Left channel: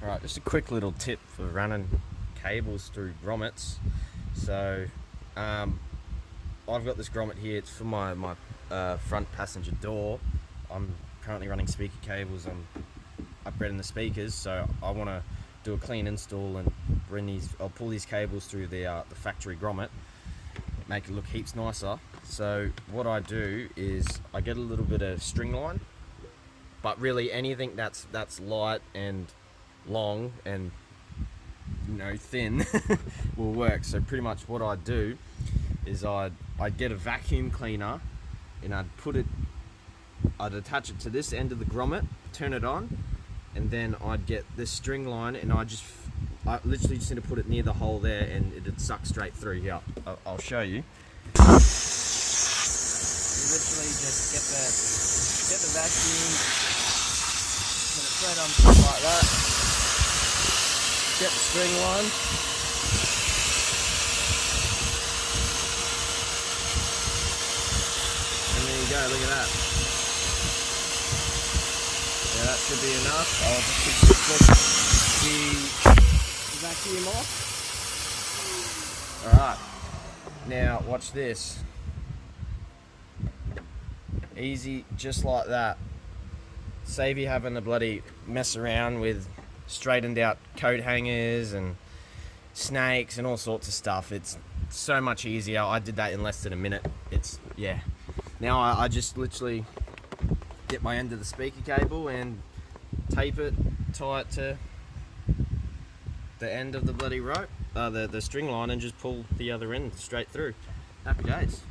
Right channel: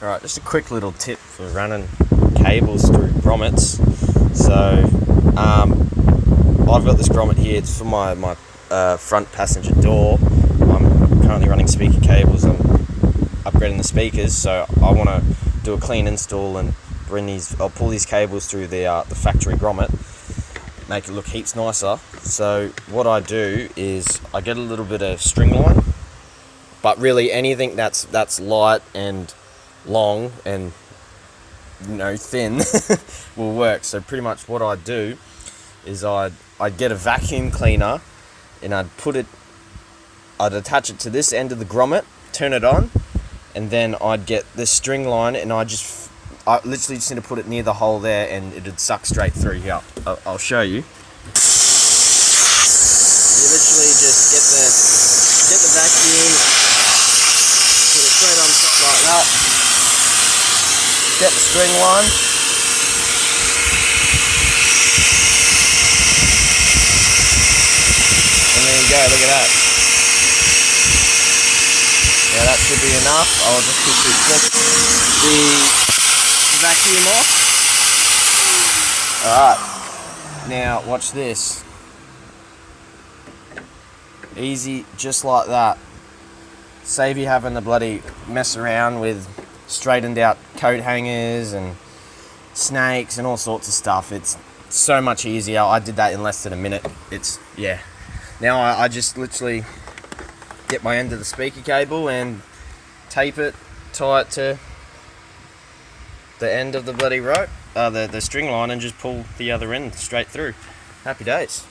Alright, just a quick little tip for running cables through grommets. So, I've got this grommet here. It's for my front passenger door. I'm currently running speaker cables. I'm upgrading the speakers, so I want to do a clean install and I'll pull these cables through the factory grommet, make it look heaps nicer. So what I do is I get a little bit of string line, but really anything that's light and long and thin will work. So pretty much what I do is I'd get a vacuum cleaner and I'd attach it to this end of the grommet, turn it on, and then I'd get this string line and I literally just need to put it near the hole there and it'd suck straight through here. I'll show you. You literally just get the vacuum, put it on top like that, get the string line, and there you go, look at that. Yeah, that should be enough. I'll just quickly flip the vacuum off. Alright, now watch this. Easy, just like that. Save you having to bloody mess around with straightened out coat hangers and snakes and all sorts of stuff. It's so much easier. I did that in less than a minute. Now I just literally get my end of the speaker cable and tape it, tie it to the end of the bloody rope, the string line, and just pull the other end straight through. Happy days.